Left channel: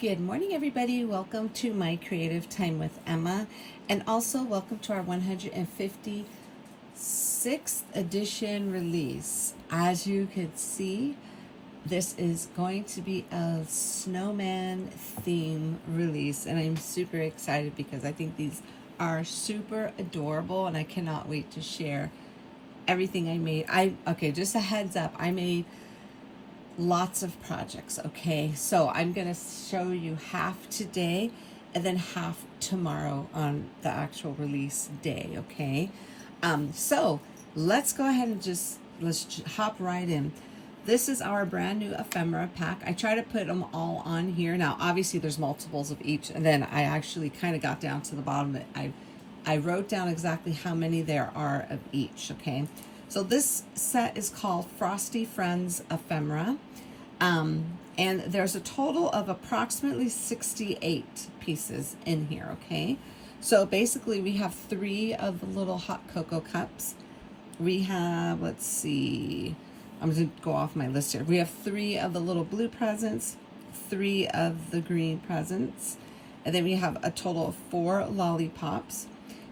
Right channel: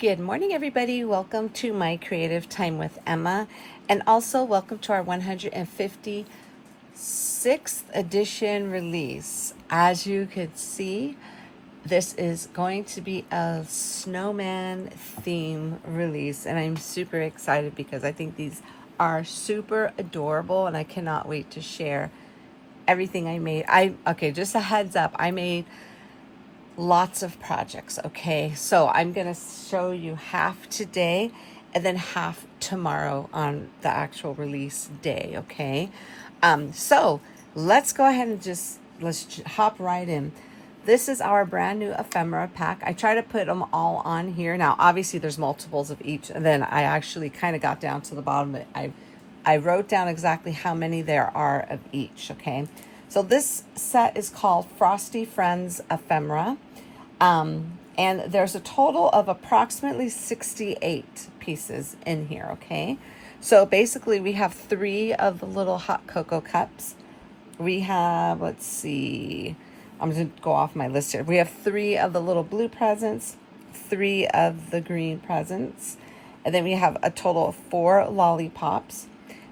Good morning, everybody. Welcome to my Creative Time with Emma, and also welcome to our 156th edition release. As you could see, this is going to be a snowman theme release, and I'm super excited because I think these are super adorable, and I cannot wait to share everything I made. Okay, just a heads up, I made lots of projects. Okay, so I'm gonna show you half today and then half tomorrow on the actual release day. Okay, so let's go ahead and let's hop right in. This is our brand new ephemera pack. I try to put them all on here. Now obviously there's multiples of each, and then I actually kind of got down to the bottom. I wrote down exactly how many there are of each. Okay, so this set is called Frosty Friends Ephemera. And there's a total of approximately 68 pieces in here, okay? So basically we have 3 of the little hot cocoa cups. We have, let's see, I'm going to go off my list here. We have 3 of the little blue presents, 3 of the green presents, and then we have a total of 4 lollipops.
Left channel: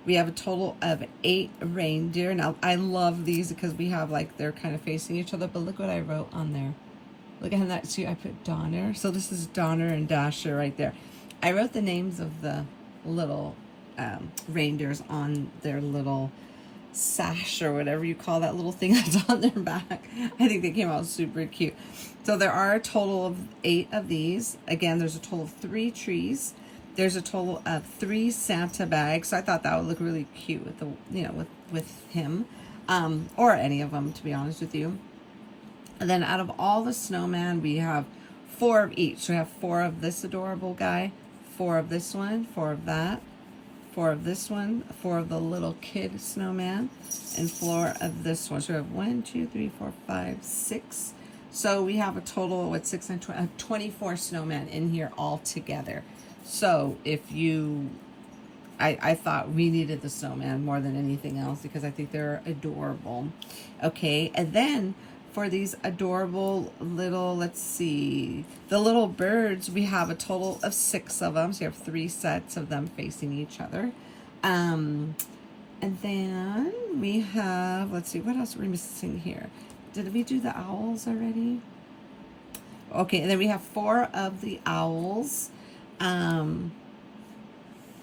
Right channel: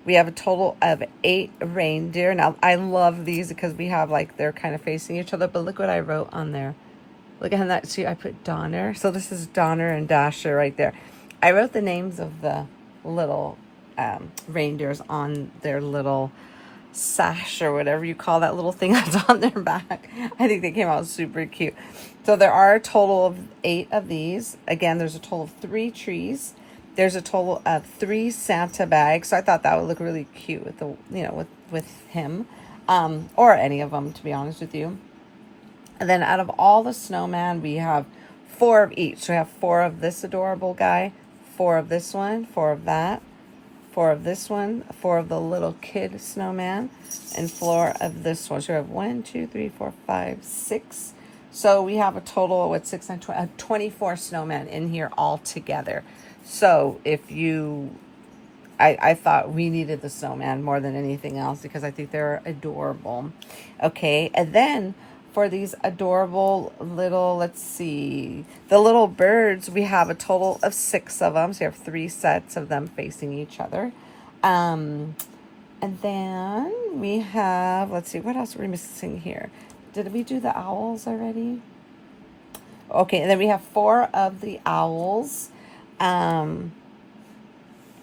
We have a total of 8 reindeer. Now, I love these because we have, like, they're kind of facing each other, but look what I wrote on there. Look at that. See, I put Donner. So this is Donner and Dasher right there. I wrote the names of the little reindeers on their little sash or whatever you call that little thing that's on their back. I think they came out super cute. So there are a total of 8 of these. Again, there's a total of 3 trees. There's a total of 3 Santa bags. So I thought that would look really cute with the, you know, with him, or any of them, to be honest with you. And then out of all the snowman, we have 4 of each. So we have 4 of this adorable guy, 4 of this one, 4 of that, 4 of this one, 4 of the little kid snowman, and 4 of this one. So we have 1, 2, 3, 4, 5, 6. So we have a total of 6 and 24 snowmen in here all together. So if you, I thought we needed the snowman more than anything else because I think they're adorable. Okay, and then for these adorable little, let's see, the little birds, we have a total of 6 of them. So you have 3 sets of them facing each other. And then we have, let's see, what else are we missing here? Did we do the owls already? Okay, and then we have 4 of the owls. I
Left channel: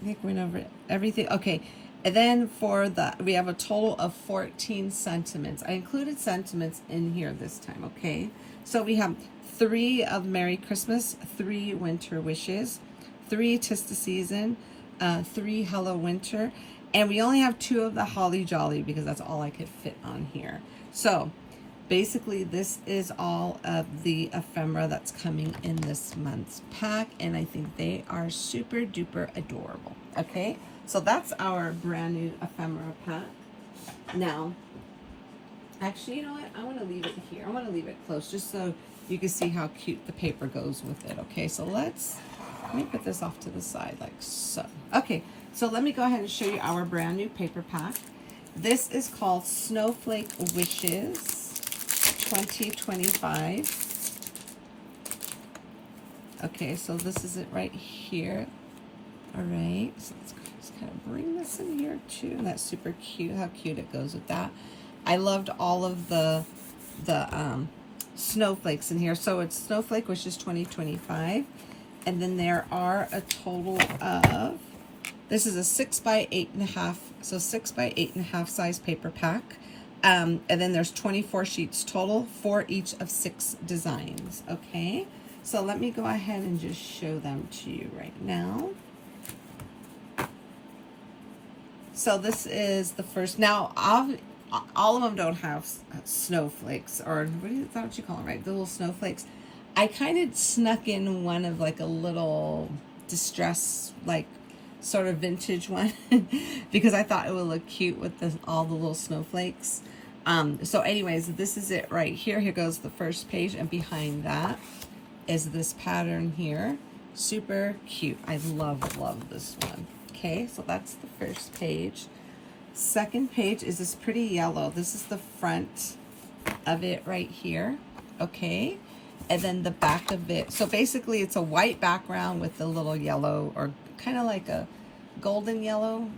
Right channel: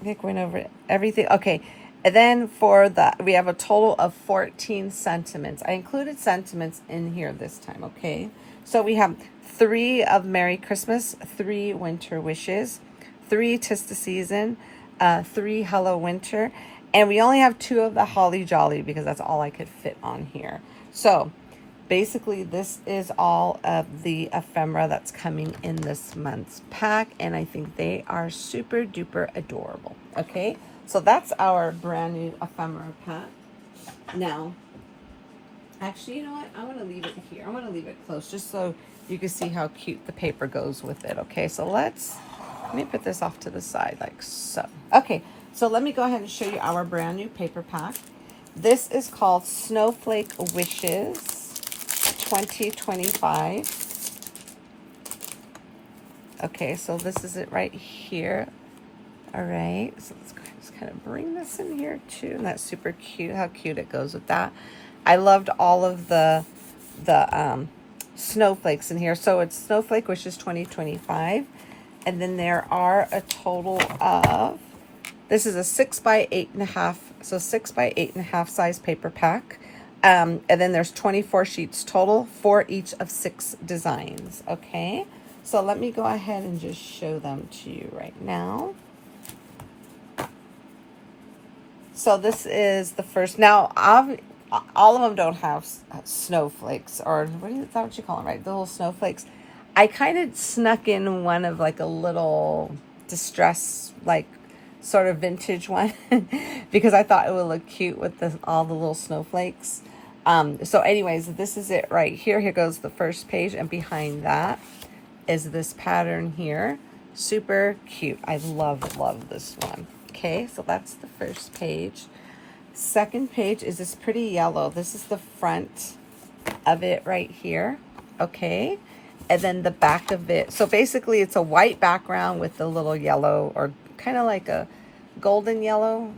think we went over everything. Okay. And then for the, we have a total of 14 sentiments. I included sentiments in here this time, okay? So we have 3 of Merry Christmas, 3 Winter Wishes, 3 'Tis the Season, 3 Hello Winter, and we only have 2 of the Holly Jolly because that's all I could fit on here. So basically this is all of the ephemera that's coming in this month's pack, and I think they are super duper adorable, okay? So that's our brand new ephemera pack. Now, actually, you know what? I want to leave it here. I want to leave it close just so you can see how cute the paper goes with it. Okay, so let me put this off to the side like so. Okay, so let me go ahead and show you our brand new paper pack. This is called Snowflake Wishes 2025. Okay, so this is it right here. All right, so let's kind of bring this in here too, and that's super cute. How cute it goes with that. I loved all of the snowflakes in here. So it's Snowflake Wishes 2025, and then there are a total of, this is a 6 by 8.5, so 6 by 8.5 size paper pack, and then there's 24 sheets total for each of 6 designs. Okay, so let me go ahead and just show them to you right now. So this is the first. Now, all of them don't have snowflakes, or is that what you call them, right? The little snowflakes. I kind of snuck in one of like a little distress, like sort of vintage one, because I thought it would look cute with all the little snowflakes. So anyways, this is it right here. Here goes the first page, and behind that is this pattern here. Super cute. I love this one. Okay, so that's the first page. Second page is this pretty yellow. This is the front of it right here. Okay, and then the back of it. So basically it's a white background with the little yellow, or kind of like a golden yellow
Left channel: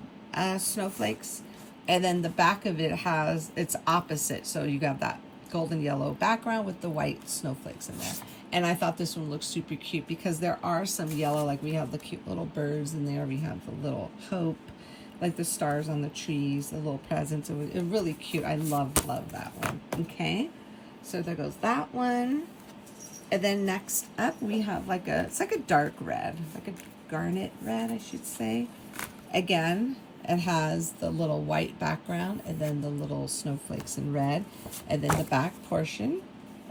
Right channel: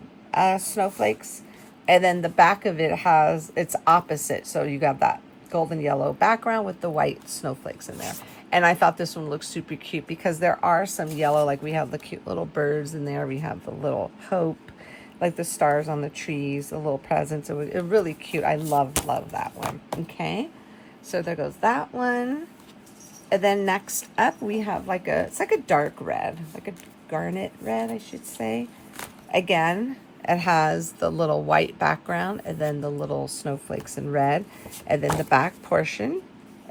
snowflakes. And then the back of it has, it's opposite. So you got that golden yellow background with the white snowflakes in there. And I thought this one looked super cute because there are some yellow, like we have the cute little birds in there. We have the little hope, like the stars on the trees, the little presents. It was really cute. I love that one. Okay, so there goes that one. And then next up we have like a, it's like a dark red, like a garnet red, I should say. Again, it has the little white background and then the little snowflakes in red. And then the back portion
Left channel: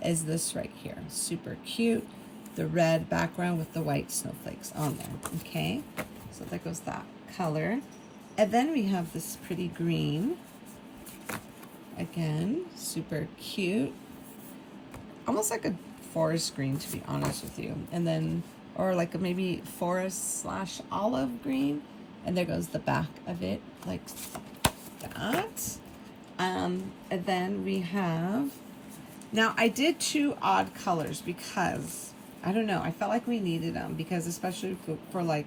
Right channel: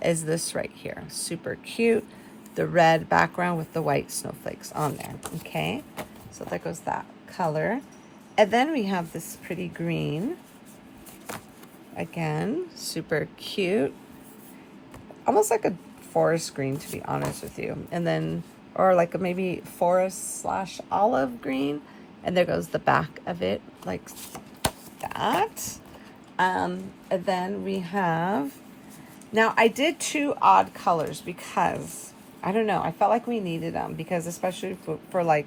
is this right here. Super cute. The red background with the white snowflakes on there. Okay, so there goes that color. And then we have this pretty green. Again, super cute. Almost like a forest green, to be honest with you. And then, or like a maybe forest / olive green. And there goes the back of it, like that. And then we have, now I did 2 odd colors because, I don't know, I felt like we needed them because especially for like,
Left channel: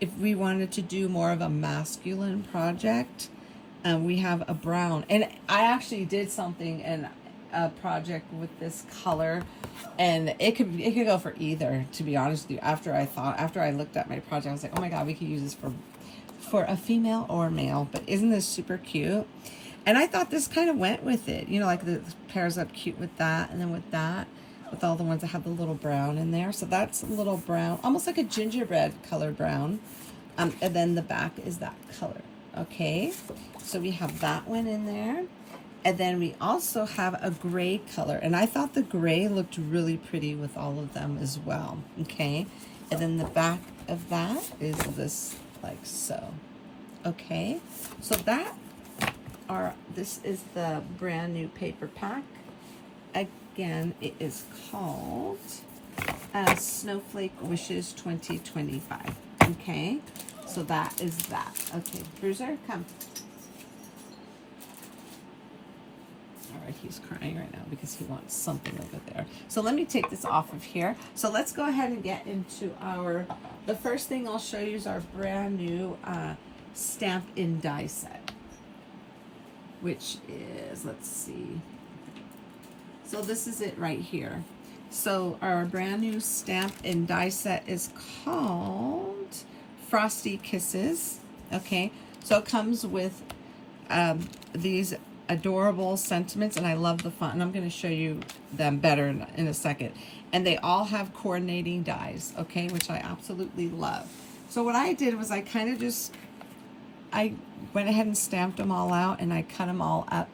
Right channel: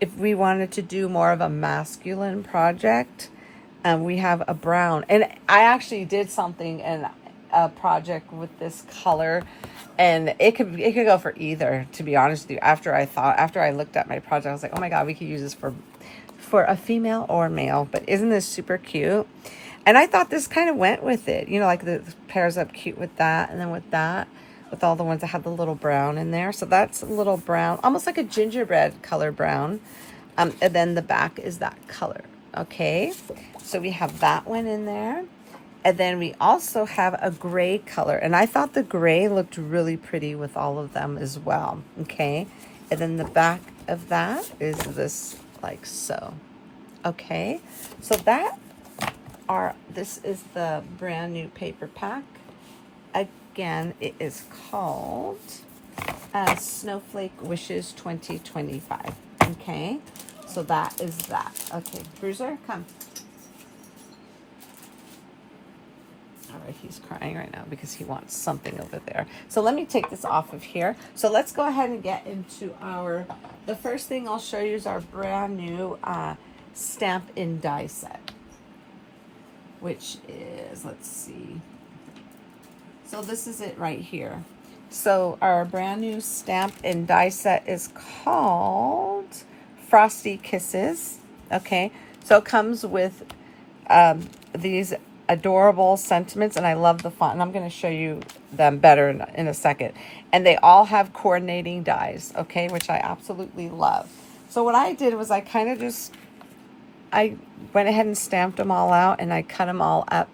if we wanted to do more of a masculine project, we have a brown. And I actually did something in a project with this color, and it could go for either, to be honest with you. After I looked at my project, I was like, oh my God, we could use this for a female or male. But isn't this super cute? And I thought this kind of went with it, you know, like the pairs up cute with that, and then with that, with all the ones that have the little brown in there. So that's a little brown, almost like a gingerbread color brown. And then the back is that color. Okay, so we have that one in there. And then we also have a gray color. And I thought the gray looked really pretty with all of them as well. Okay, and then the back of that is this, like so. Okay, so this is the brand new paper pack. Again, it is called Snowflake Wishes 2025. Okay, so that is that. Okay, Bruiser, come. All right, he's crying right now because he wants something over there. So let me take this off of here. So let's go ahead and get into the first thing I'll show you is our brand new stamp in die set, which is, let's see. So this is it right here. So our brand new stamp and die set is called Frosty Kisses. Okay, so it comes with these adorable sentiments, and I love the font, and I'm going to show you them better in a second. And they all have coordinating dies, okay, which I absolutely love. So what I did was I went ahead and stamped them all out, and I cut them all up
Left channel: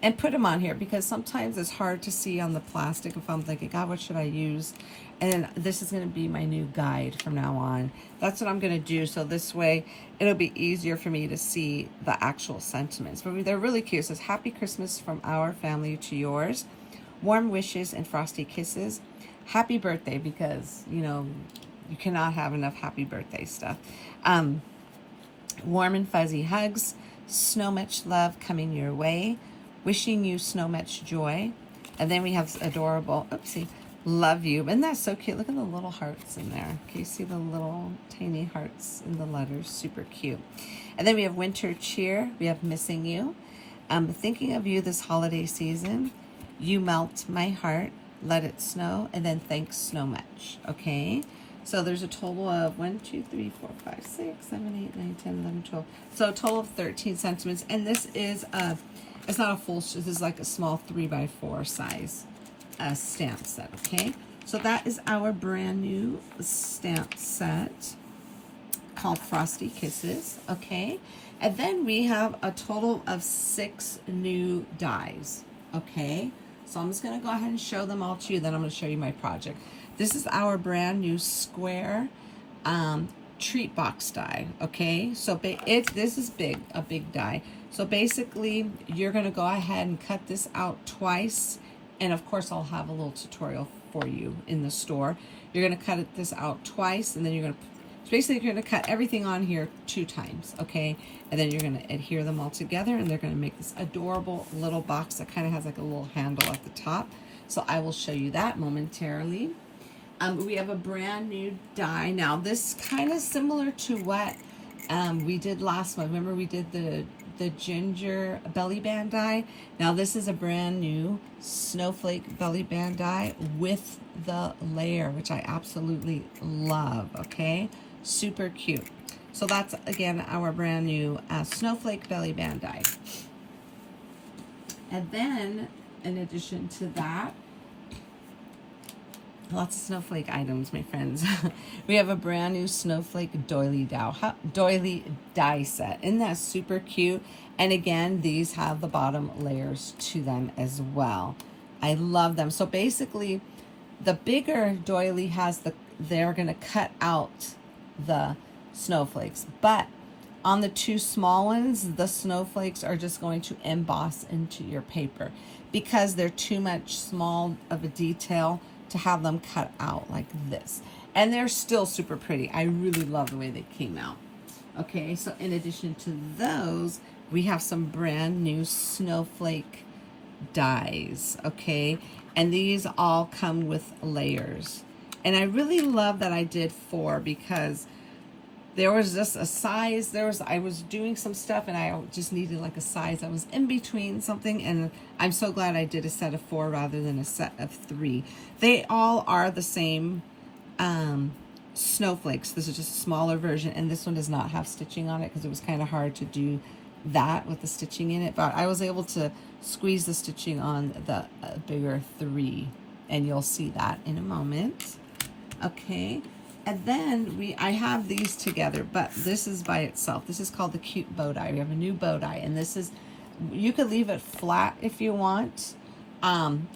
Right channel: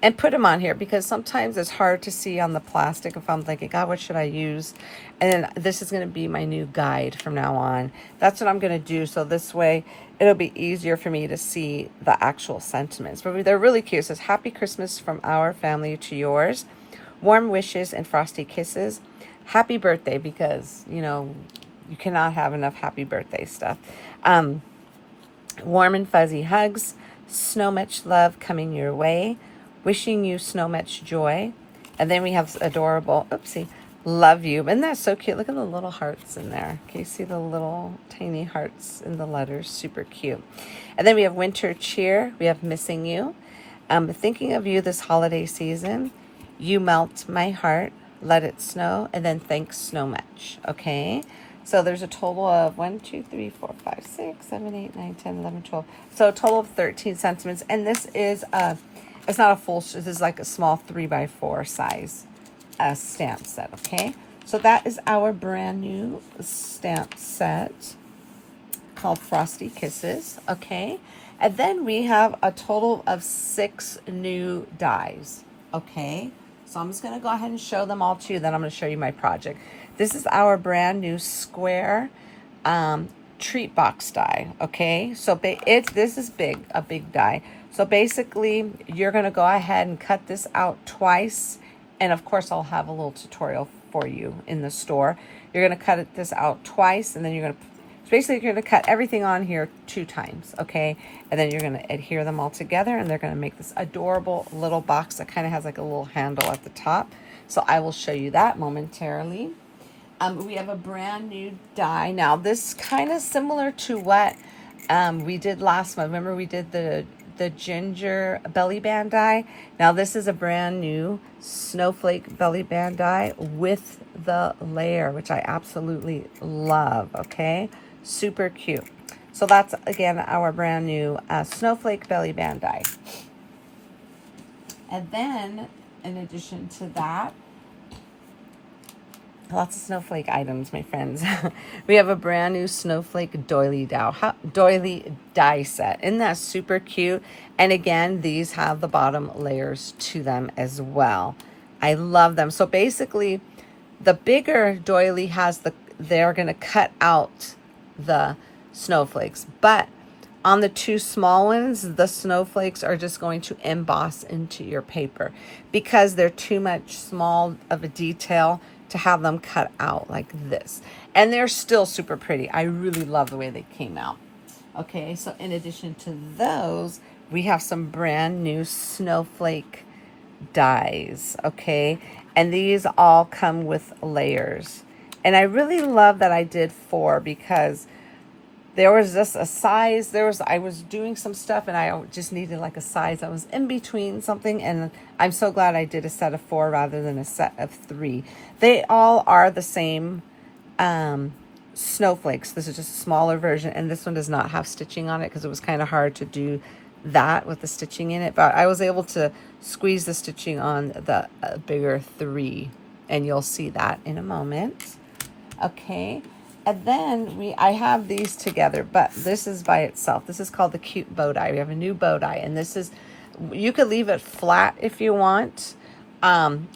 and put them on here because sometimes it's hard to see on the plastic if I'm thinking, God, what should I use? And this is going to be my new guide from now on. That's what I'm going to do. So this way it'll be easier for me to see the actual sentiments. But they're really cute. It says, Happy Christmas from our family to yours. Warm wishes and frosty kisses. Happy birthday, because, you know, you cannot have enough happy birthday stuff. Warm and fuzzy hugs. So much love coming your way. Wishing you so much joy. And then we have adorable, oopsie, love you. Isn't that so cute? Look at the little hearts in there. Can you see the little tiny hearts in the letters? Super cute. And then we have winter cheer. We have missing you. Thinking of you this holiday season. You melt my heart. Let it snow. And then thanks so much. Okay. So there's a total of 1, 2, 3, 4, 5, 6, 7, 8, 9, 10, 11, 12. So a total of 13 sentiments. And this is it's not a full, this is like a small 3x4 size stamp set, okay? So that is our brand new stamp set called Frosty Kisses, okay? And then we have a total of 6 new dies, okay? So I'm just gonna go ahead and show them all to you, then I'm gonna show you my project. This is our brand new square treat box die, okay? So this is a big die. So basically, you're going to go ahead and cut this out twice. And of course, I'll have a little tutorial for you in the store. You're going to cut this out twice, and then you're going to, so basically, you're going to cut everything on here 2 times, okay? And then you're going to adhere them all together, and they're going to make this adorable little box that kind of has like a little handle at the top. So I will show you that momentarily. We have a brand new die. Now this kind of similar to what we did last month. Remember we did the ginger belly band die? Now this is a brand new snowflake belly band die with the layer, which I absolutely love, okay? Super cute. So that's, again, our brand new snowflake belly band die. And then, in addition to that, lots of snowflake items, my friends. We have a brand new snowflake doily die set. Isn't that super cute? And again, these have the bottom layers to them as well. I love them. So basically, the bigger doily has they're going to cut out the snowflakes. But on the two small ones, the snowflakes are just going to emboss into your paper because they're too much small of a detail to have them cut out like this. And they're still super pretty. I really love the way they came out. Okay, so in addition to those, we have some brand new snowflake dies, okay? And these all come with layers. And I really love that I did 4 because there was just a size, I was doing some stuff and I just needed like a size. I was in between something, and I'm so glad I did a set of 4 rather than a set of 3. They all are the same snowflakes. This is just a smaller version, and this one does not have stitching on it because it was kind of hard to do that with the stitching in it. But I was able to squeeze the stitching on the bigger 3, and you'll see that in a moment. Okay. And then I have these together, but this is by itself. This is called the cute bow tie. We have a new bow tie, and this is, you could leave it flat if you want,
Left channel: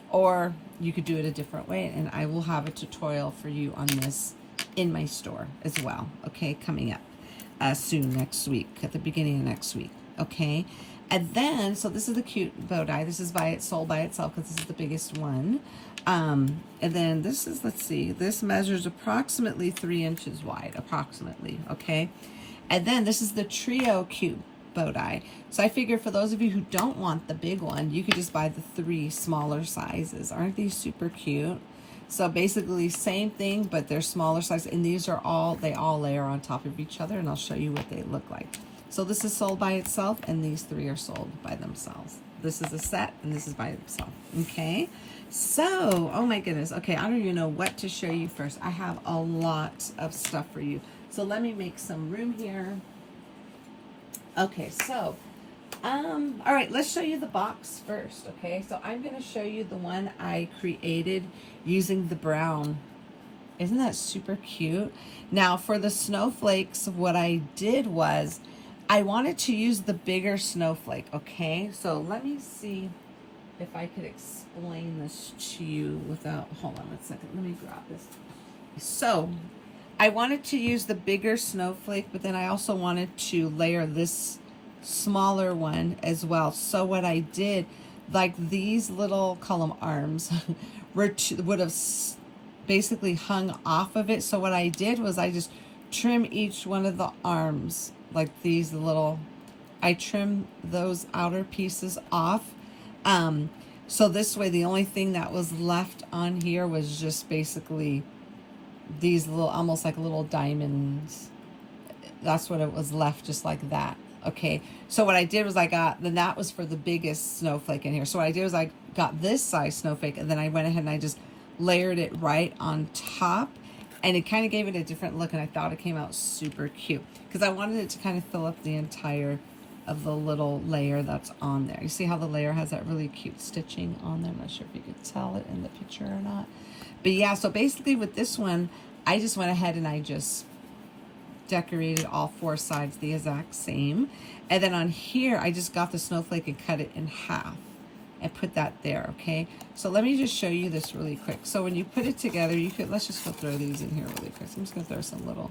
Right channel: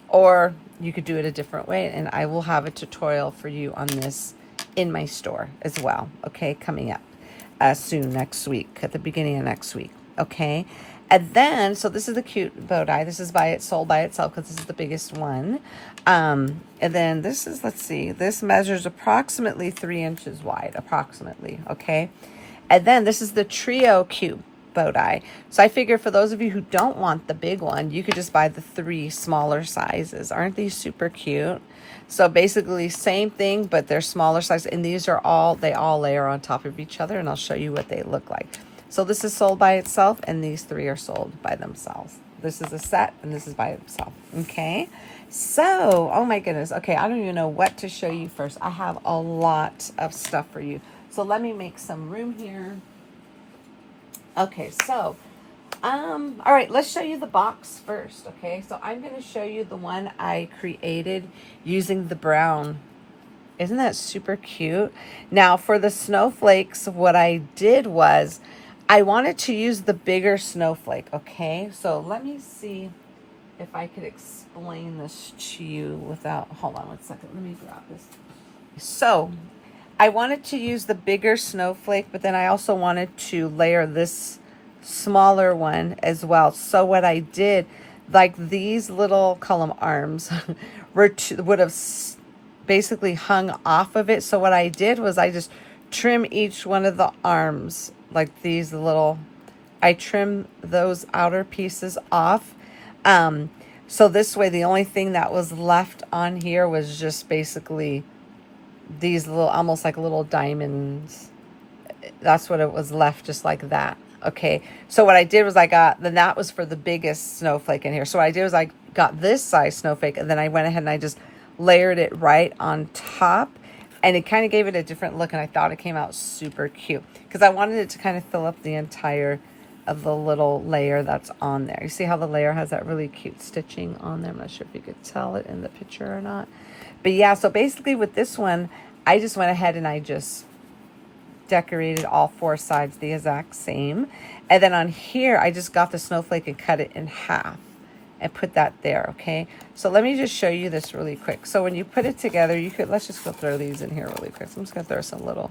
or you could do it a different way. And I will have a tutorial for you on this in my store as well. Okay, coming up soon, next week, at the beginning of next week. Okay, and then so this is the cute bow tie. This is sold by itself because this is the biggest one. And then this is, let's see, this measures approximately 3 inches wide, approximately, okay? And then this is the trio cute bow tie. So I figure for those of you who don't want the big one, you could just buy the 3 smaller sizes. Aren't these super cute? So basically same thing, but they're smaller size, and these are they all layer on top of each other, and I'll show you what they look like. So this is sold by itself, and these 3 are sold by themselves. This is a set, and this is by itself, okay? So, oh my goodness. Okay, I don't even know what to show you first. I have a lot of stuff for you. So let me make some room here. Okay, so, all right, let's show you the box first, okay? So I'm going to show you the one I created using the brown. Isn't that super cute? Now, for the snowflakes, what I did was I wanted to use the bigger snowflake, okay? So let me see if I could explain this to you without, hold on one second, let me grab this. So I wanted to use the bigger snowflake, but then I also wanted to layer this smaller one as well. So what I did, like these little column arms would have basically hung off of it. So what I did was I just trim each one of the arms, like these little, I trim those outer pieces off. So this way, the only thing that was left on here was just basically these little, almost like little diamonds. That's what it was left, just like that. Okay. So what I did was then that was for the biggest snowflake in here. So what I did was I got this size snowflake, and then I went ahead and I just layered it right on top, and it kind of gave it a different look. And I thought it came out super cute because I wanted it to kind of fill up the entire of the little layer that's on there. You see how the layer has that really cute stitching on there? I'm not sure if you could tell it in the picture or not. But yeah, so basically with this one, I just went ahead and I just decorated all 4 sides the exact same. And then on here, I just got the snowflake and cut it in half and put that there, okay? So let me just show you this really quick. So when you put it together, let's just go throw these in here really quick. I'm just gonna throw some little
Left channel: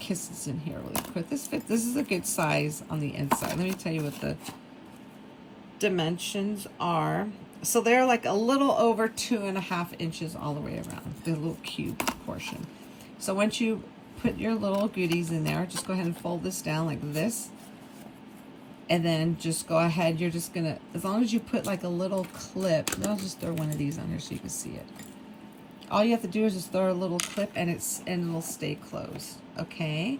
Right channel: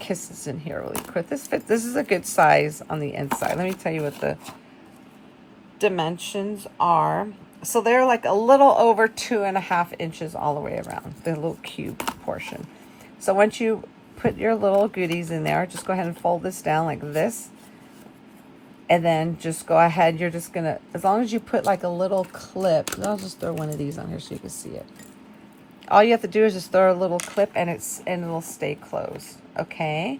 kisses in here really quick. This is a good size on the inside. Let me tell you what the dimensions are. So they're like a little over 2.5 inches all the way around, the little cube portion. So once you put your little goodies in there, just go ahead and fold this down like this. And then just go ahead. You're just gonna, as long as you put like a little clip, I'll just throw one of these on here so you can see it. All you have to do is just throw a little clip and it'll stay closed. Okay.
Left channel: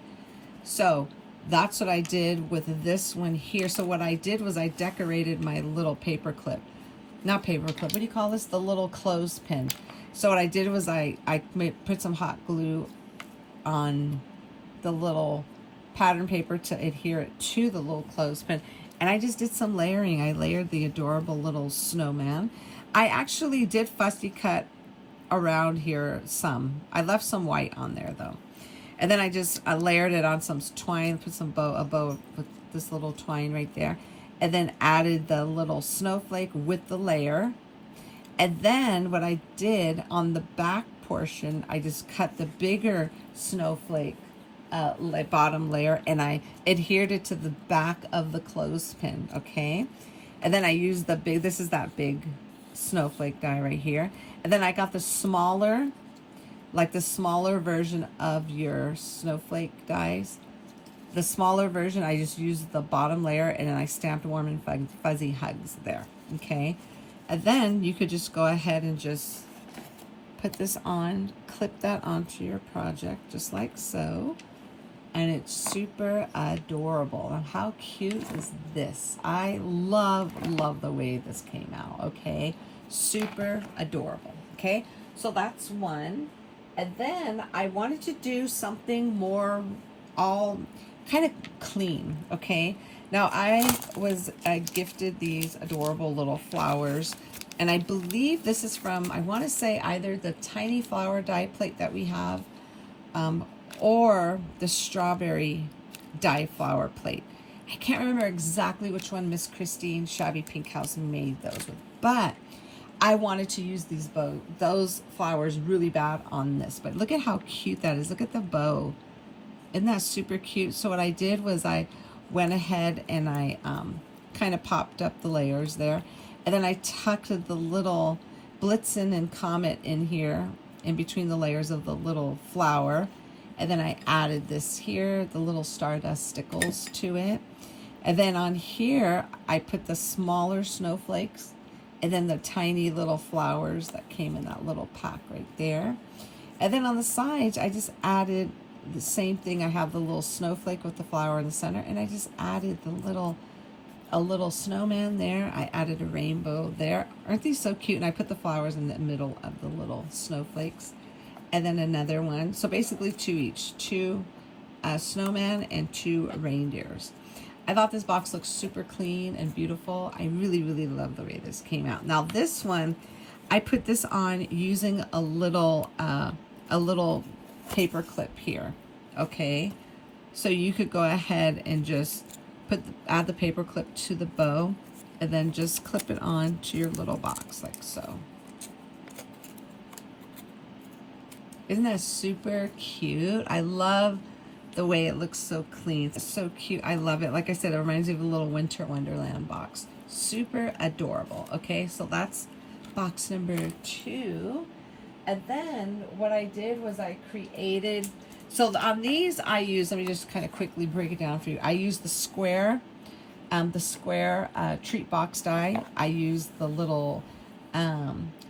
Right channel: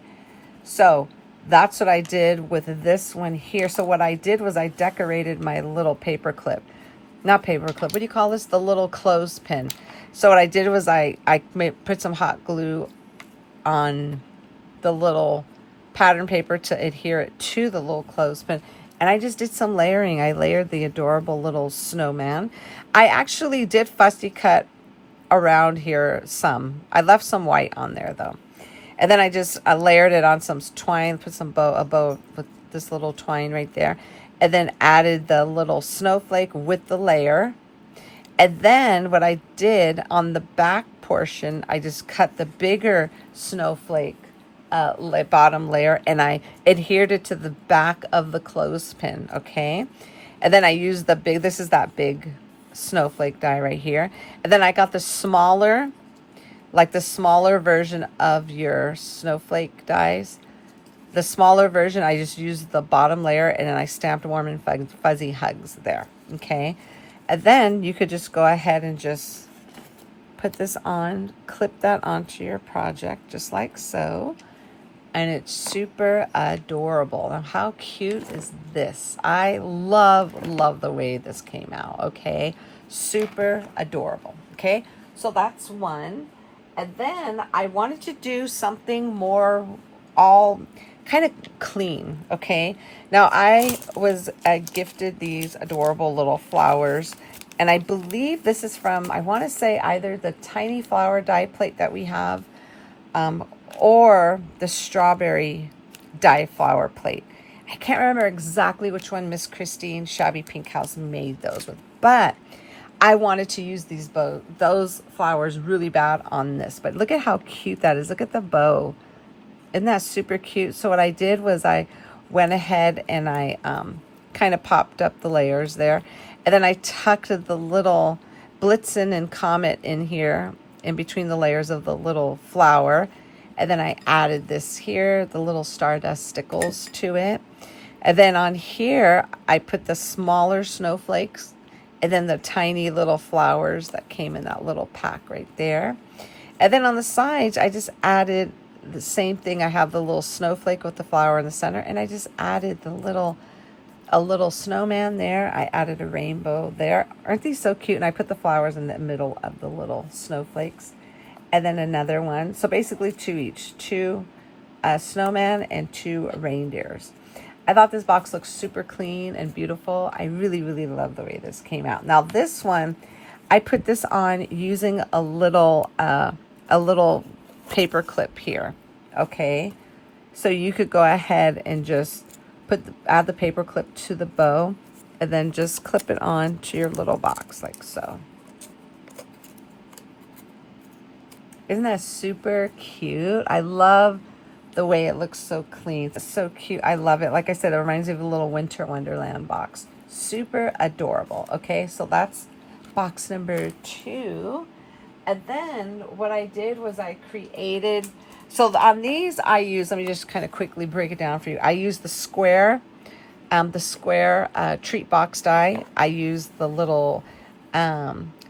So that's what I did with this one here. So what I did was I decorated my little paper clip. Not paper clip, what do you call this? The little clothespin. So what I did was I put some hot glue on the little pattern paper to adhere it to the little clothespin. And I just did some layering. I layered the adorable little snowman. I actually did fussy cut around here some. I left some white on there though. And then I layered it on some twine, put a bow with this little twine right there. And then added the little snowflake with the layer. And then what I did on the back portion, I just cut the bigger snowflake bottom layer and I adhered it to the back of the clothespin, okay? And then I used this is that big snowflake die right here. And then I got the smaller, like the smaller version of your snowflake dies. The smaller version, I just used the bottom layer and then I stamped warm and fuzzy hugs there, okay? And then you could just go ahead and just put this on, clip that onto your project just like so. And it's super adorable. Now, how cute is this? I love the way this came out, okay? Super adorable, okay? So that's one. And then I wanted to do something more all kind of clean, okay? Now I was gifted these adorable little flowers, and I believe this is from, I want to say either the tiny flower die plate that we have, or the strawberry die flower plate. I can't remember exactly which one Miss Christine Shabby Pink House made those with, but I wanted to use those flowers really bad on this. But look at how cute that is. Look at the bow. Isn't that super cute? So what I did was I went ahead and I kind of popped up the layers there. And then I tucked the little Blitzen and Comet in here, in between the layers of the little flower. And then I added this here, the little stardust stickles to it. And then on here, I put the smaller snowflakes and then the tiny little flowers that came in that little pack right there. And then on the sides, I just added the same thing. I have the little snowflake with the flower in the center, and I just added a little snowman there. I added a rainbow there. Aren't these so cute? And I put the flowers in the middle of the little snowflakes. And then another one. So basically two each. Two snowman and two reindeers. I thought this box looked super clean and beautiful. I really love the way this came out. Now this one, I put this on using a little paper clip here, okay? So you could go ahead and just add the paper clip to the bow and then just clip it on to your little box like so. Isn't that super cute? I love the way it looks so clean. It's so cute. I love it. Like I said, it reminds me of a little Winter Wonderland box. Super adorable. Okay, so that's box number 2. And then what I did was I created, so on these I use, let me just kind of quickly break it down for you. I use the square treat box die. I use the little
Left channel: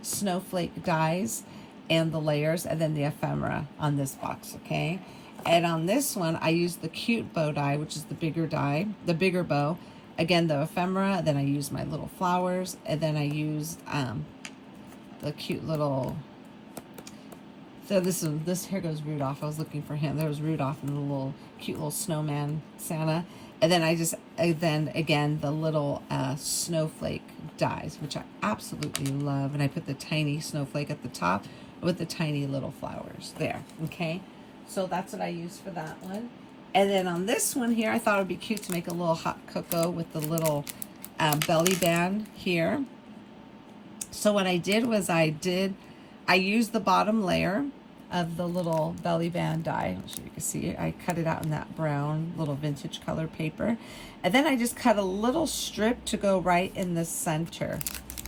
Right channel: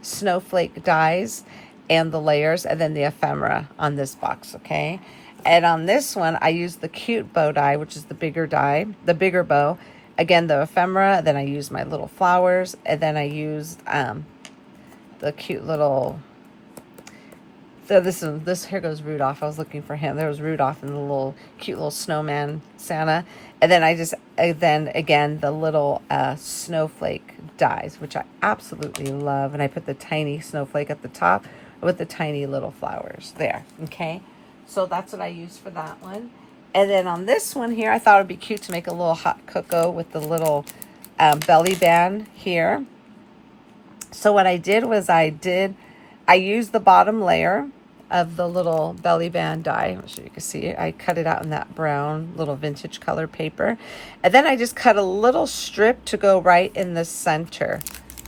snowflake dies and the layers, and then the ephemera on this box, okay? And on this one, I used the cute bow die, which is the bigger die, the bigger bow. Again, the ephemera, then I used my little flowers, and then I used the cute little, so this here goes Rudolph. I was looking for him. There was Rudolph and the little cute little snowman Santa. And then then again, the little snowflake dies, which I absolutely love. And I put the tiny snowflake at the top with the tiny little flowers there, okay? So that's what I used for that one. And then on this one here, I thought it'd be cute to make a little hot cocoa with the little belly band here. So what I did was I used the bottom layer of the little belly band die. I'm sure you can see it. I cut it out in that brown little vintage color paper. And then I just cut a little strip to go right in the center.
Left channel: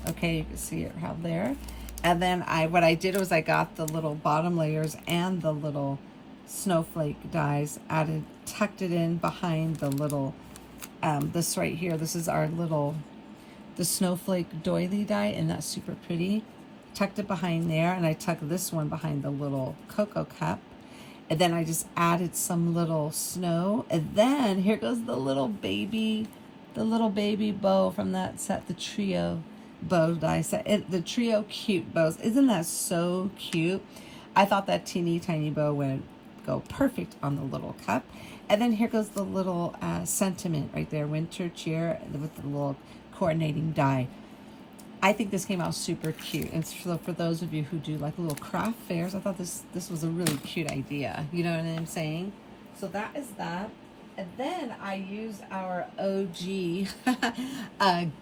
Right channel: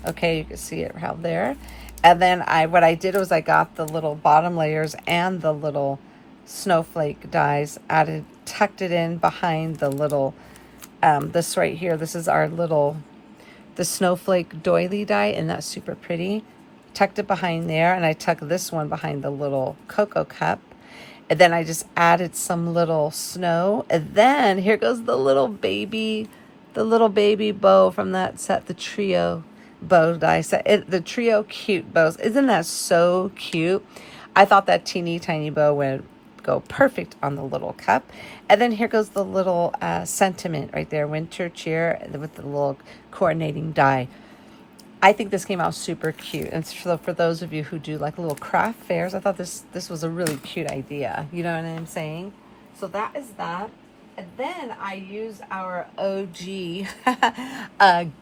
Okay, you can see it out there. And then what I did was I got the little bottom layers and the little snowflake dies, tucked it in behind the little this right here. This is our little, the Snowflake Doily die, and that's super pretty. Tucked it behind there, and I tucked this one behind the little cocoa cup. And then I just added some little snow. And then here goes the little baby bow from that set, the trio bow die set. The trio cute bows. Isn't that so cute? I thought that teeny tiny bow would go perfect on the little cup. And then here goes the little sentiment right there, winter cheer, with the little coordinating die. I think this came out super cute. And so for those of you who do like little craft fairs, I thought this was a really cute idea. You know what I'm saying? So that is that. And then I use our OG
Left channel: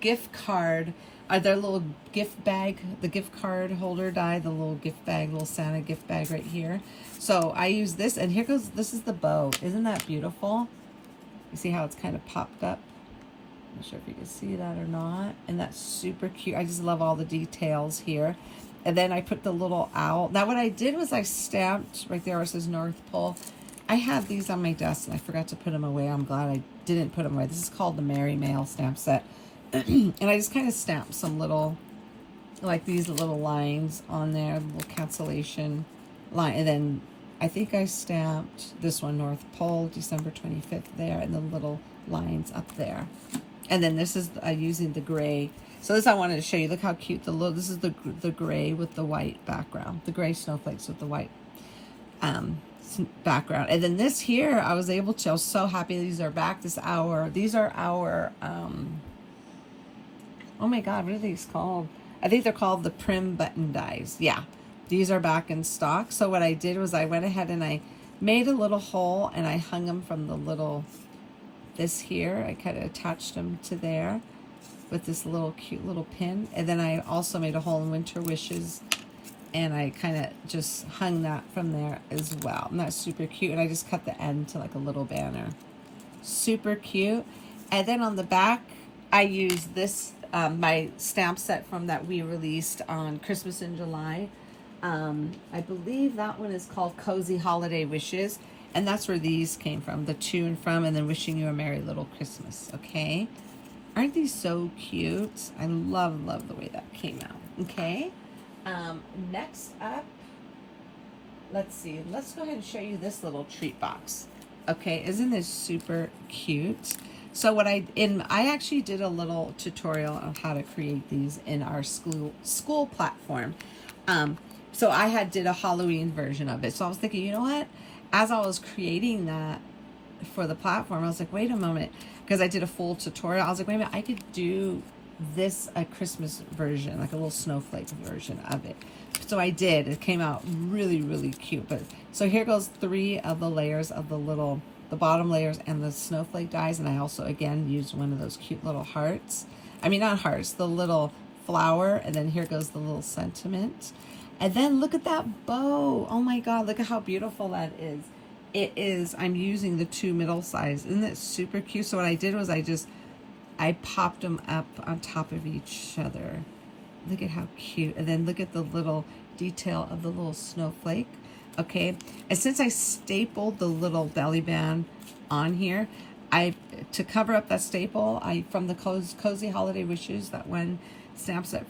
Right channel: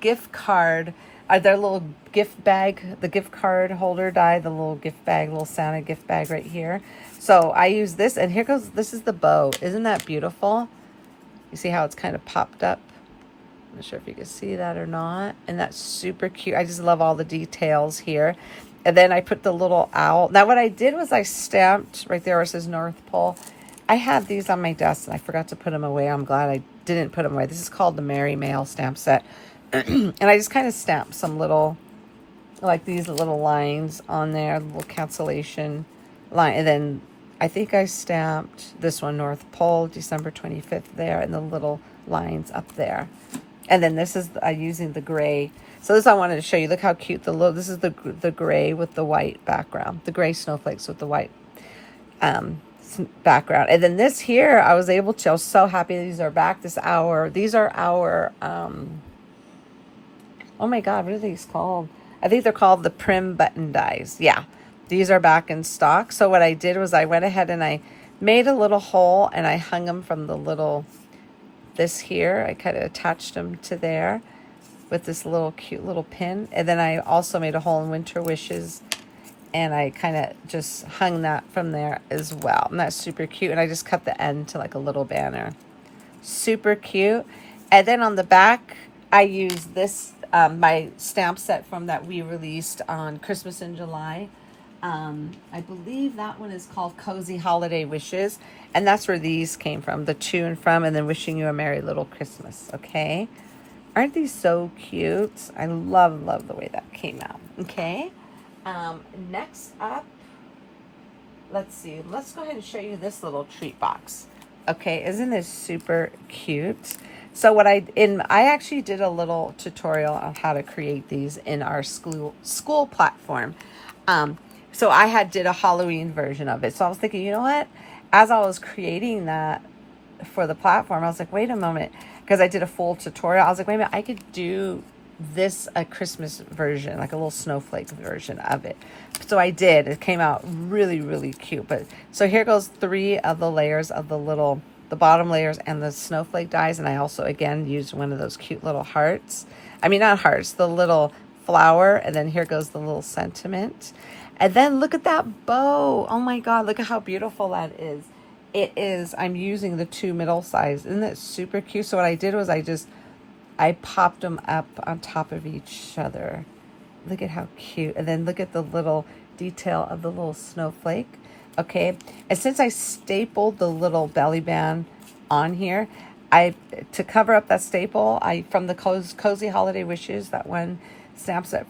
gift card, their little gift bag, the gift card holder die, the little gift bag, little Santa gift bag right here. So I use this, and here goes, this is the bow. Isn't that beautiful? You see how it's kind of popped up? I'm not sure if you can see that or not. And that's super cute. I just love all the details here. And then I put the little owl. Now what I did was I stamped right there where it says North Pole. I have these on my desk and I forgot to put them away. I'm glad I didn't put them away. This is called the Merry Mail stamp set. And I just kind of stamped some little, like these little lines on there, little cancellation line. And then I think I stamped this one, North Pole, December 25th there, and the little lines up there. And then this is using the gray. So this I wanted to show you. Look how cute this is the gray with the white background. The gray snowflakes with the white background. And then this here, I was so happy these are back. These are our, oh my God, what are these called? I think they're called the Prim Button Dies. Yeah, these are back in stock. So what I did was I went ahead and I made a little hole and I hung them from the little, this here, I kind of attached them to there with this little cute little pin. And then I also made a hole in Winter Wishes and I kind of just hung that from there as well. And that's super cute. And I just cut the end to like a little banner. Super cute. And then on the back, I used this, my stamp set from that we released on Christmas in July. I believe that one is called Cozy Holiday Wishes. And that's where these came from, the to and from, and then wishing you a Merry Little Christmas, okay? Aren't these so cute? I love the way that came out, okay? Next up, let's see. Let's go ahead and show you this little treat box, okay? Isn't this super cute? So what I actually did a little tutorial on how to create these in our school platform. So I did a Halloween version of it. So I was thinking, you know what? As I was creating that for the platform, I was like, wait a moment, because I did a full tutorial. I was like, wait a minute, I could do this a Christmas version, like a little snowflake version of it. So I did. It came out really, really cute. But so here goes 3 of the layers of the bottom layers and the snowflake dies. And I also, again, used one of those cute little hearts. I mean, not hearts, the little flower. And then here goes the little sentiment. And then look at that bow. Oh my God, look at how beautiful that is. It is, I'm using the 2 middle size. Isn't it super cute? So what I did was I popped them up on top of each other. Look at how cute. And then look at the little detail of the little snowflake. Okay. And since I stapled the little belly band on here, to cover up that staple, from the Cozy Holiday Wishes, that one stamp set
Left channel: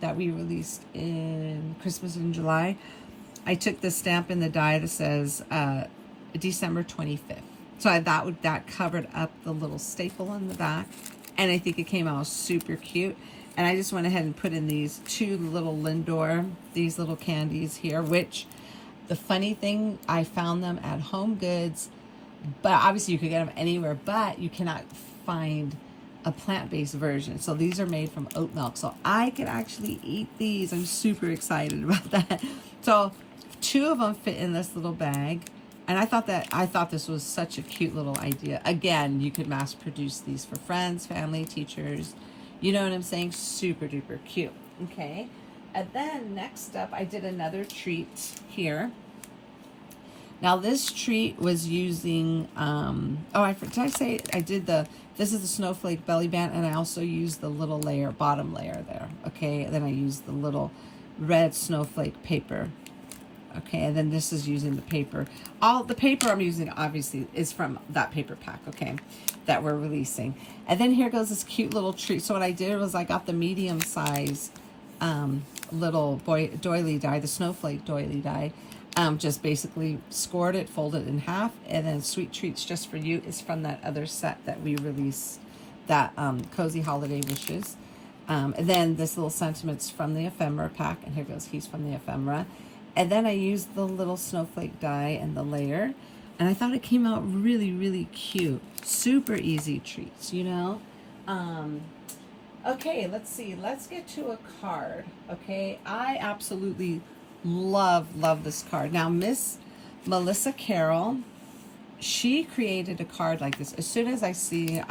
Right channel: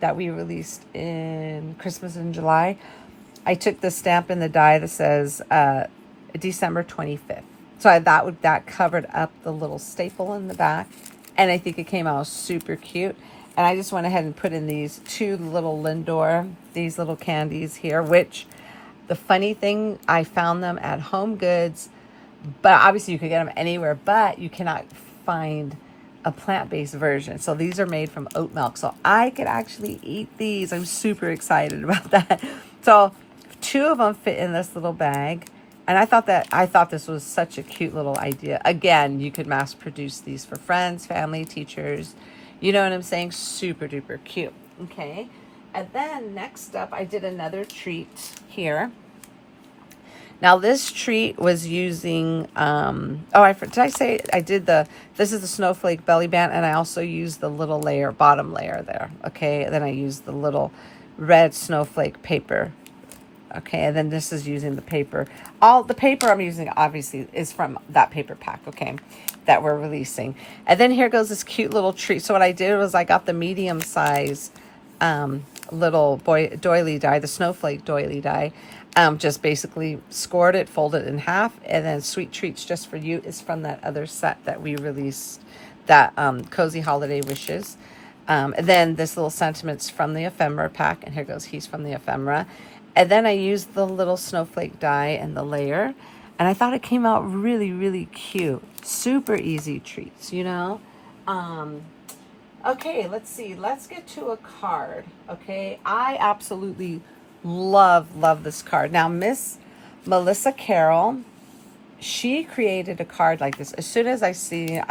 that we released in Christmas in July, I took the stamp in the die that says December 25th. So that covered up the little staple in the back, and I think it came out super cute. And I just went ahead and put in these 2 little Lindor, these little candies here, which the funny thing, I found them at Home Goods, but obviously you could get them anywhere, but you cannot find a plant-based version. So these are made from oat milk. So I could actually eat these. I'm super excited about that. So 2 of them fit in this little bag. And I thought this was such a cute little idea. Again, you could mass produce these for friends, family, teachers. You know what I'm saying? Super duper cute. Okay. And then next up, I did another treat here. Now this treat was using, did I say I did this is the snowflake belly band, and I also used the little bottom layer there. Okay. And then I used the little red snowflake paper. Okay. And then this is using the paper. All the paper I'm using obviously is from that paper pack. Okay. that we're releasing. And then here goes this cute little tree. So what I did was I got the medium size little doily die, the Snowflake doily die. Just basically scored it, folded it in half, and then Sweet Treats Just For You is from that other set that we released, that Cozy Holiday Wishes. And then this little Sentiments from the Ephemera pack, and here goes He's from the Ephemera. And then I used the little snowflake die and the layer, and I thought it came out really, really cute. Super easy treats, you know? Okay, let's see. Let's get to a card, okay? I absolutely love this card. Now, Miss Melissa Carroll, she created a card like this. As soon as I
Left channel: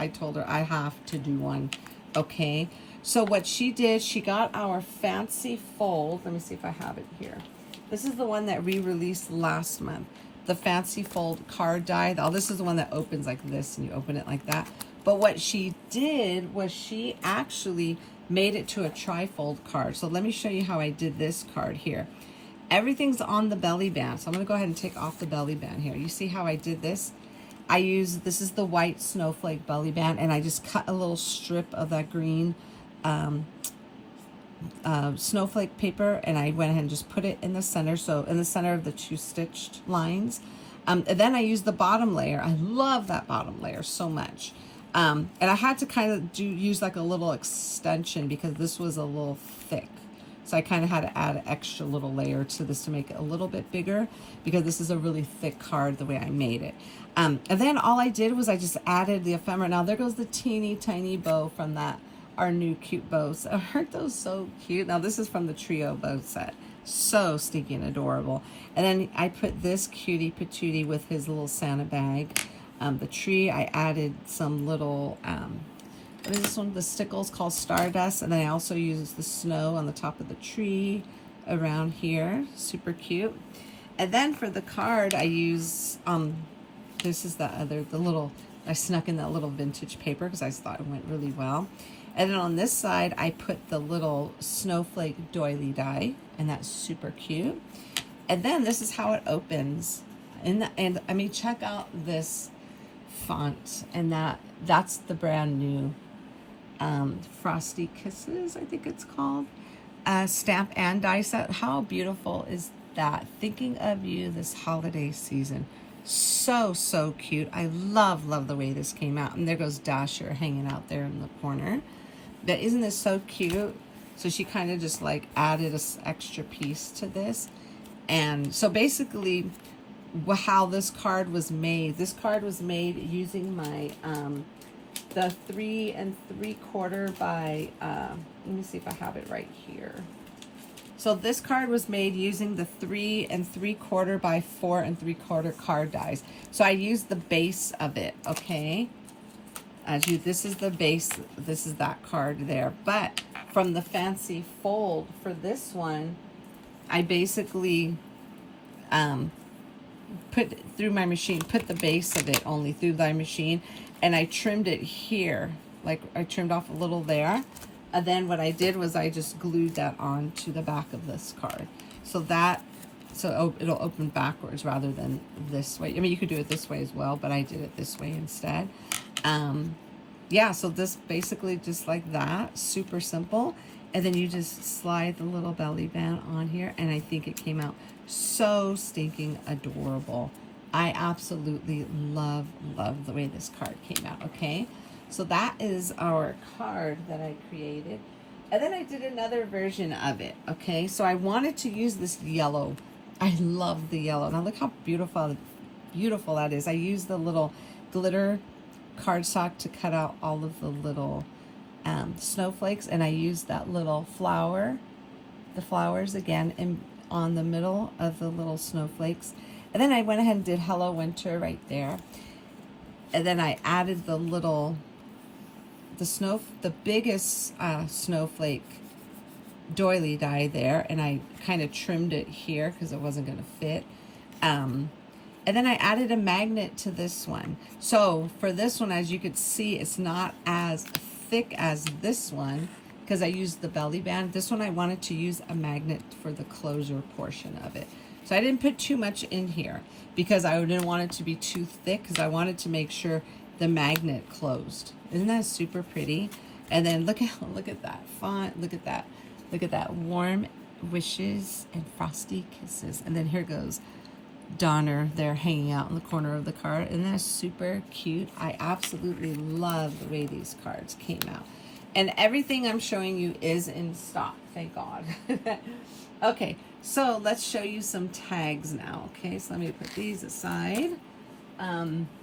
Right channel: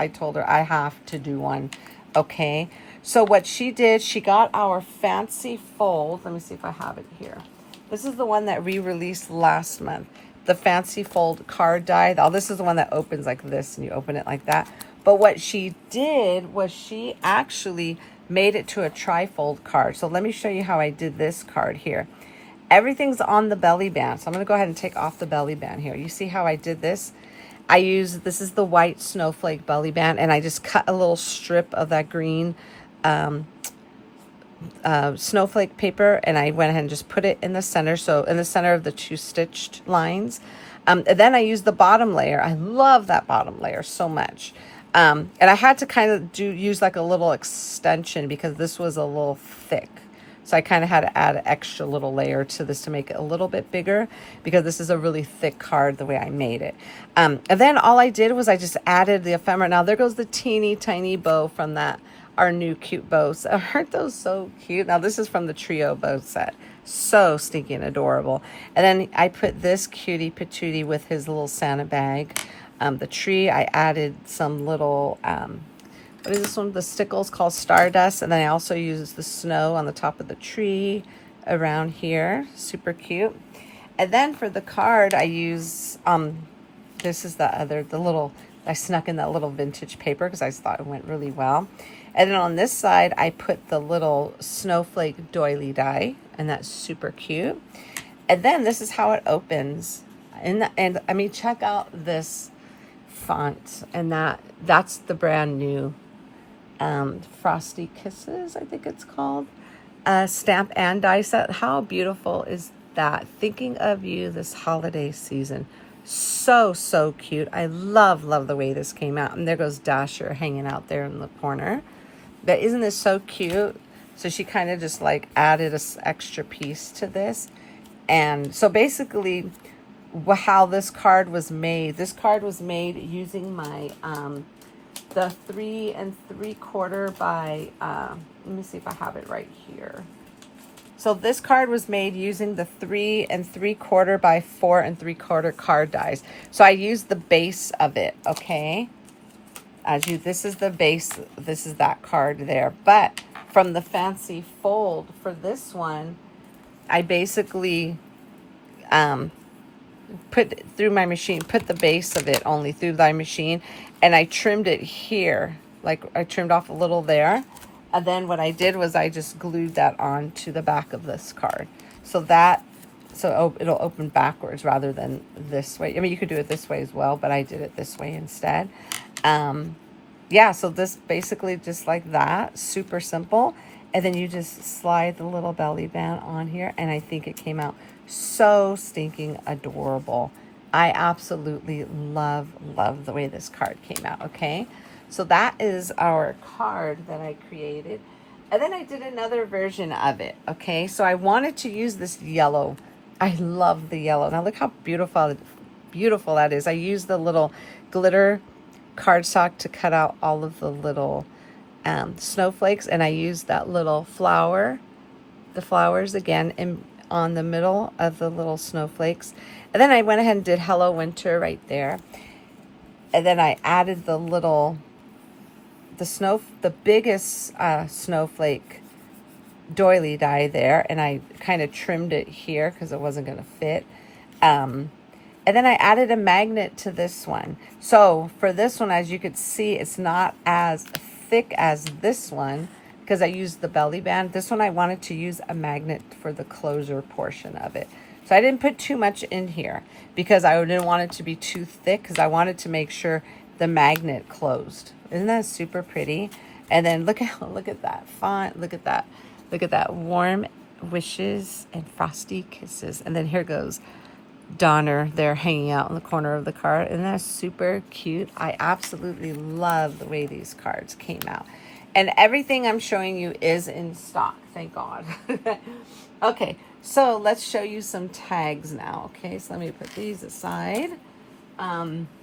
told her I have to do one, okay? So what she did, she got our fancy fold. Let me see if I have it here. This is the one that we released last month. The fancy fold card die. Oh, this is the one that opens like this and you open it like that. But what she did was she actually made it to a trifold card. So let me show you how I did this card here. Everything's on the belly band. So I'm going to go ahead and take off the belly band here. You see how I did this? This is the white snowflake belly band, and I just cut a little strip of that green snowflake paper, and I went ahead and just put it in the center. So in the center of the two stitched lines. And then I used the bottom layer. I love that bottom layer so much. And I had to kind of use like a little extension because this was a little thick. So I kind of had to add an extra little layer to this to make it a little bit bigger because this is a really thick card the way I made it. And then all I did was I just added the ephemera. Now there goes the teeny tiny bow from our new cute bows. Aren't those so cute? Now this is from the trio bow set. So stinking adorable. And then I put this cutie patootie with his little Santa bag. The tree, I added some little, what is this one? The stickles called Stardust. And then I also used the snow on the top of the tree around here. Super cute. And then for the card, I use, this is I snuck in that little vintage paper because I thought it went really well. And then on this side, I put the little snowflake doily die, and that's super cute. And then this is how it opens. And I mean, check out this font, and that's the brand new Frosty Kisses, I think it's called, stamp and die set. How beautiful is that? Thinking of you this holiday season. So cute. I love the way this came out. And there goes Dasher hanging out there in the corner. But isn't this so cute? So she kind of just like added an extra piece to this. And so basically how this card was made. This card was made using my the 3 3/4 by let me see if I have it right here. So this card was made using the 3 3/4 by 4 3/4 card dies. So I used the base of it, okay? This is the base, this is that card there. But from the fancy fold for this one, I basically put through my machine, put the base of it only through my machine, and I trimmed it here. Like I trimmed off a little there. And then what I did was I just glued that on to the back of this card. So it'll open backwards rather than this way. I mean, you could do it this way as well, but I did it this way instead. Yeah, so this basically just like that, super simple. And then you just slide the little belly band on here, and I think it came out so stinking adorable. I absolutely love the way this card came out, okay? So that is our card that I created. And then I did another version of it, okay? So I wanted to use this yellow. I love the yellow. Now look how beautiful that is. I used the little glitter cardstock to cut out all of the little snowflakes, and I used that little flower, the flowers again on the middle of the little snowflakes. And then I went ahead and did Hello Winter right there. And then I added the biggest snowflake doily die there, and I kind of trimmed it here because it wasn't going to fit. And then I added a magnet to this one. So for this one, as you could see, it's not as thick as this one because I used the belly band. This one I wanted to use a magnet for the closer portion of it. So I didn't put too much in here because I didn't want it to be too thick, because I wanted to make sure the magnet closed. Isn't that super pretty? And then look at that font. Look at that warm wishes and frosty kisses. And then here goes Donner there hanging out in the corner of the card. Isn't that super cute? I absolutely love the way these cards came out. And everything I'm showing you is in stock, thank God. Okay, so let's show you some tags now. Okay, so let me put these aside.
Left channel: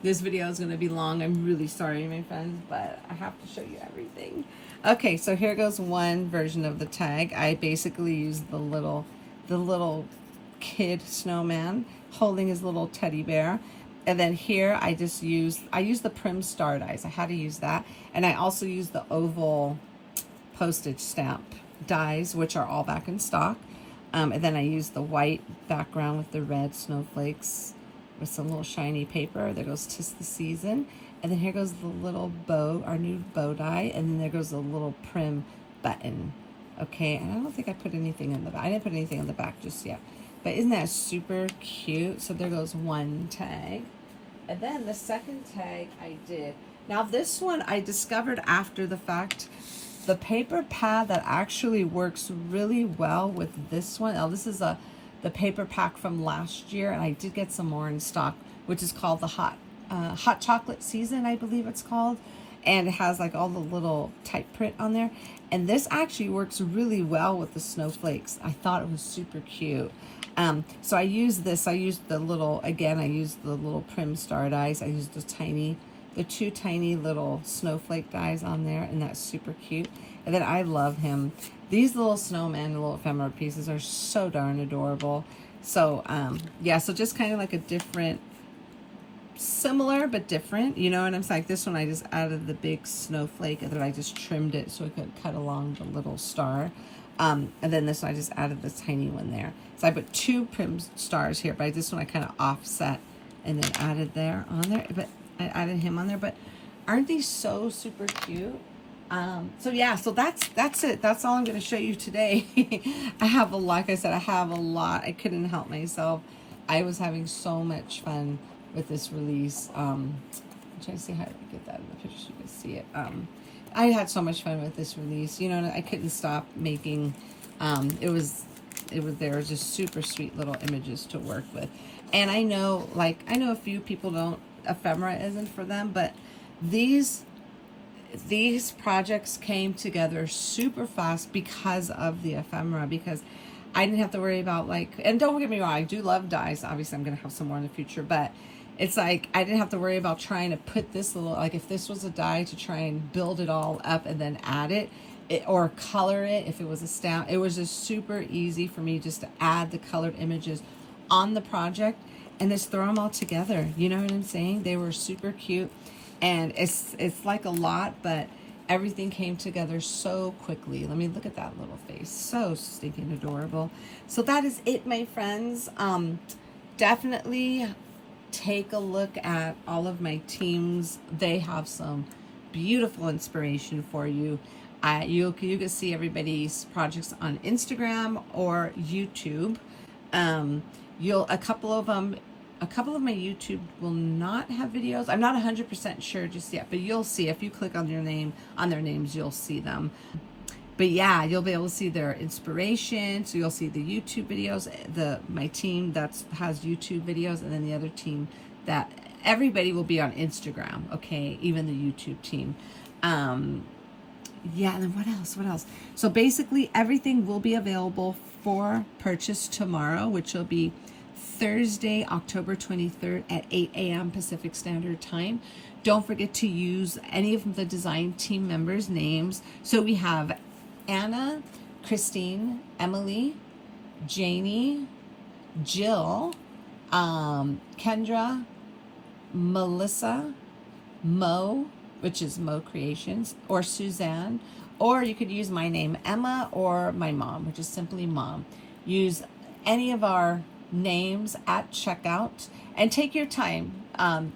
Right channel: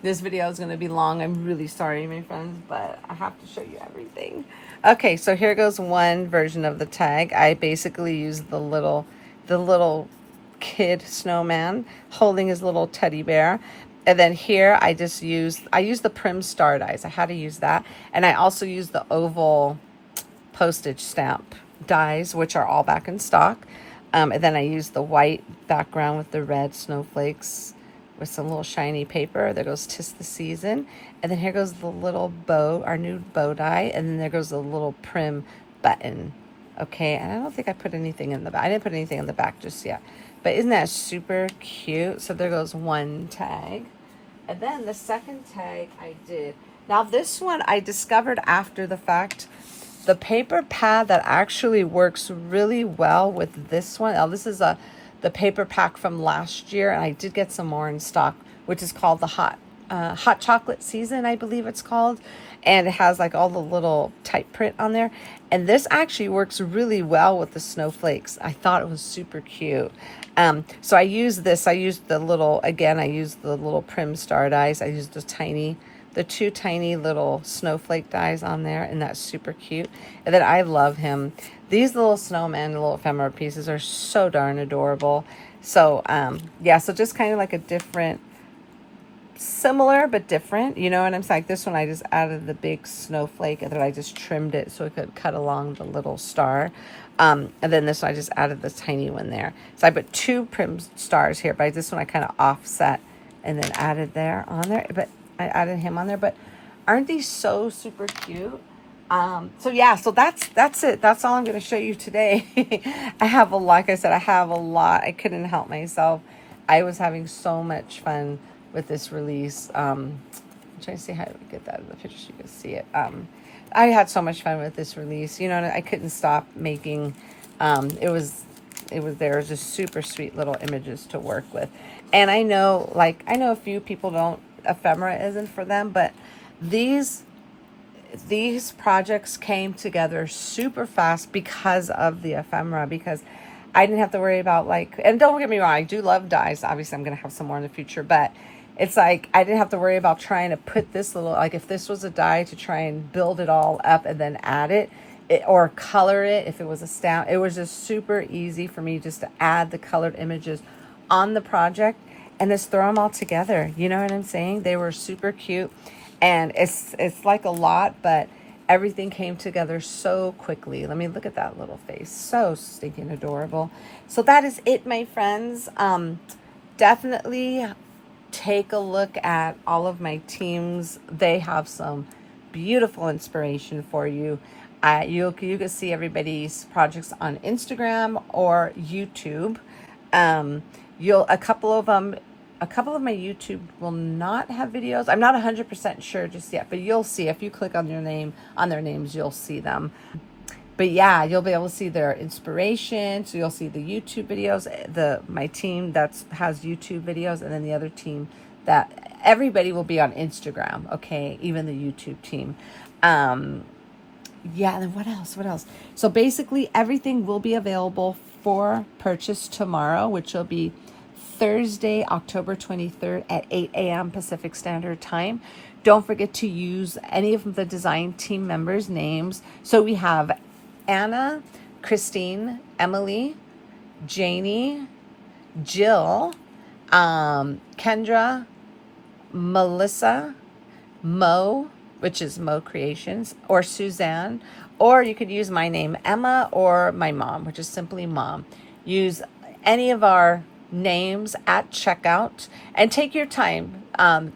This video is going to be long. I'm really sorry, my friends, but I have to show you everything. Okay, so here goes one version of the tag. I basically used the little kid snowman holding his little teddy bear. And then here I used the Prim Star dies. I had to use that. And I also used the oval postage stamp dies, which are all back in stock. And then I used the white background with the red snowflakes with some little shiny paper. There goes 'Tis the Season. And then here goes the little bow, our new bow die. And then there goes the little Prim button. Okay, and I don't think I put anything in the back. I didn't put anything in the back just yet. But isn't that super cute? So there goes one tag. And then the second tag I did. Now this one I discovered after the fact. The paper pad that actually works really well with this one. Now this is the paper pack from last year. And I did get some more in stock, which is called the Hot Chocolate Season, I believe it's called. And it has like all the little type print on there. And this actually works really well with the snowflakes. I thought it was super cute. So I used this. I used the little Prim Star dies. I used the two tiny little snowflake dies on there, and that's super cute. And then I love him. These little snowman, the little ephemera pieces are so darn adorable. So yeah, so just kind of like a different, similar but different, you know what I'm saying? Like this one I just added the big snowflake, and then I just trimmed it so it could cut along the little star. And then this one I just added the tiny one there. So I put two Prim Stars here, but this one I kind of offset and then added there on there. But I added him on there. But aren't these so super cute? So yeah, so that's it. That's all I'm going to show you today. I have a lot, like I said, I have a lot. I couldn't help myself. I was having so much fun with this release. I'm trying to see how to get that in the picture so you can see it. I had so much fun with this release. You know, I couldn't stop making. It was just super sweet little images to work with. And I know a few people don't, ephemera isn't for them, but these projects came together super fast because of the ephemera, because I didn't have to worry about and don't get me wrong, I do love dies. Obviously I'm going to have some more in the future, but it's like I didn't have to worry about trying to put this little, if this was a die, to try and build it all up and then add it or color it if it was a stamp. It was just super easy for me just to add the colored images on the project and just throw them all together. You know what I'm saying? They were super cute, and it's like a lot, but everything came together so quickly. Let me look at that little face. So stinking adorable. So that is it, my friends. Definitely take a look at all of my teams. They have some beautiful inspiration for you. You can see everybody's projects on Instagram or YouTube. A couple of my YouTube will not have videos. I'm not 100% sure just yet, but you'll see if you click on their names, you'll see them. But yeah, you'll be able to see their inspiration. So you'll see the YouTube videos, my team that has YouTube videos, and then the other team that everybody will be on Instagram. Okay. Even the YouTube team. Yeah. And then what else? So basically everything will be available for purchase tomorrow, which will be Thursday, October 23rd at 8 a.m. Pacific Standard Time. Don't forget to use any of the design team members' names. So we have Anna, Christine, Emily, Janie, Jill, Kendra, Melissa, Mo, which is Mo Creations, or Suzanne, or you could use my name, Emma, or my mom, which is simply Mom. Use any of our names at checkout and take your time.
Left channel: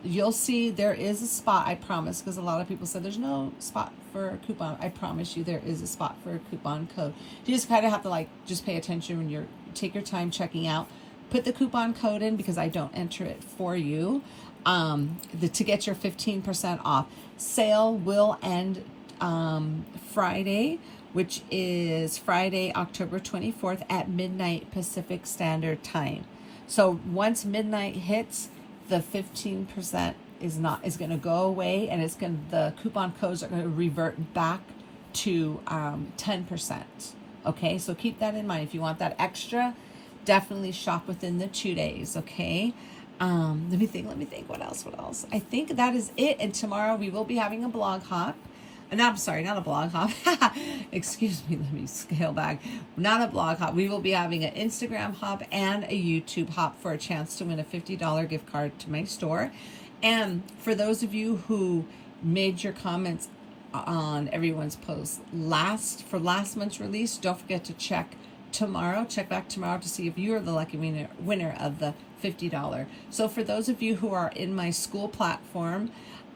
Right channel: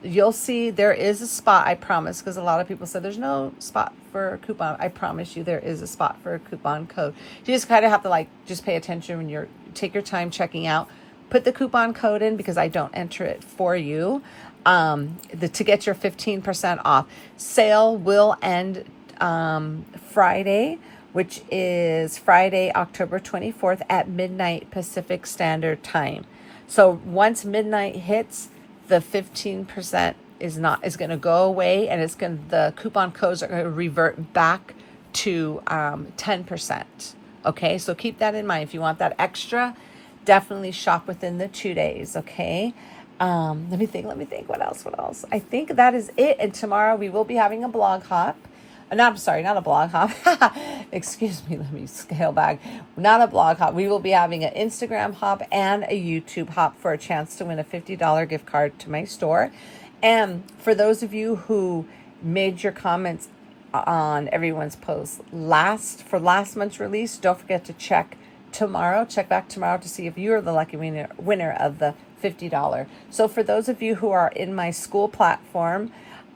You'll see there is a spot, I promise, because a lot of people said there's no spot for a coupon. I promise you there is a spot for a coupon code. You just kind of have to just pay attention when take your time checking out. Put the coupon code in because I don't enter it for you. to get your 15% off. Sale will end Friday, which is Friday, October 24th at midnight Pacific Standard Time. So once midnight hits, the 15% is going to go away, and the coupon codes are going to revert back to 10%. Okay, so keep that in mind. If you want that extra, definitely shop within the 2 days. Okay. Let me think what else. I think that is it. And tomorrow we will be having a blog hop. Not a blog hop. Excuse me, let me scale back. Not a blog hop. We will be having an Instagram hop and a YouTube hop for a chance to win a $50 gift card to my store. And for those of you who made your comments on everyone's post for last month's release, don't forget to check back tomorrow to see if you're the lucky winner of the $50. So for those of you who are in my school platform,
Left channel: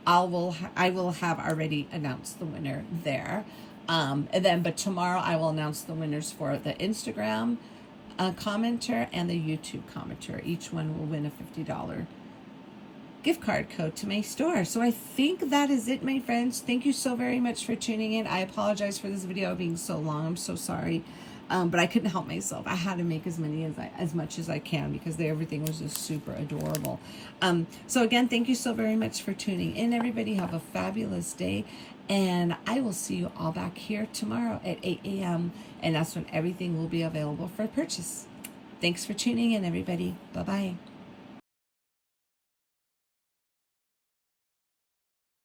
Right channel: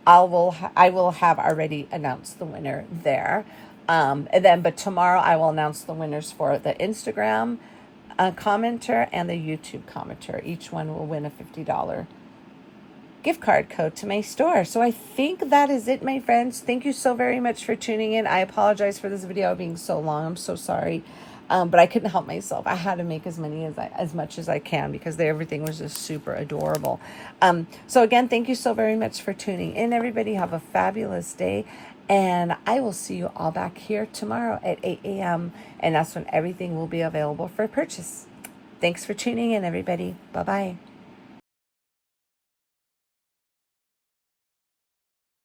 I will have already announced the winner there. But tomorrow I will announce the winners for the Instagram commenter and the YouTube commenter. Each one will win a $50 gift card code to my store. So I think that is it, my friends. Thank you so very much for tuning in. I apologize for this video being so long. I'm so sorry. But I couldn't help myself. I had to make as much as I can because everything was just super adorable. So again, thank you so very much for tuning in, everybody. Have a fabulous day. And I will see you all back here tomorrow at 8 a.m. And that's when everything will be available for purchase. Thanks for tuning in, everybody. Bye-bye.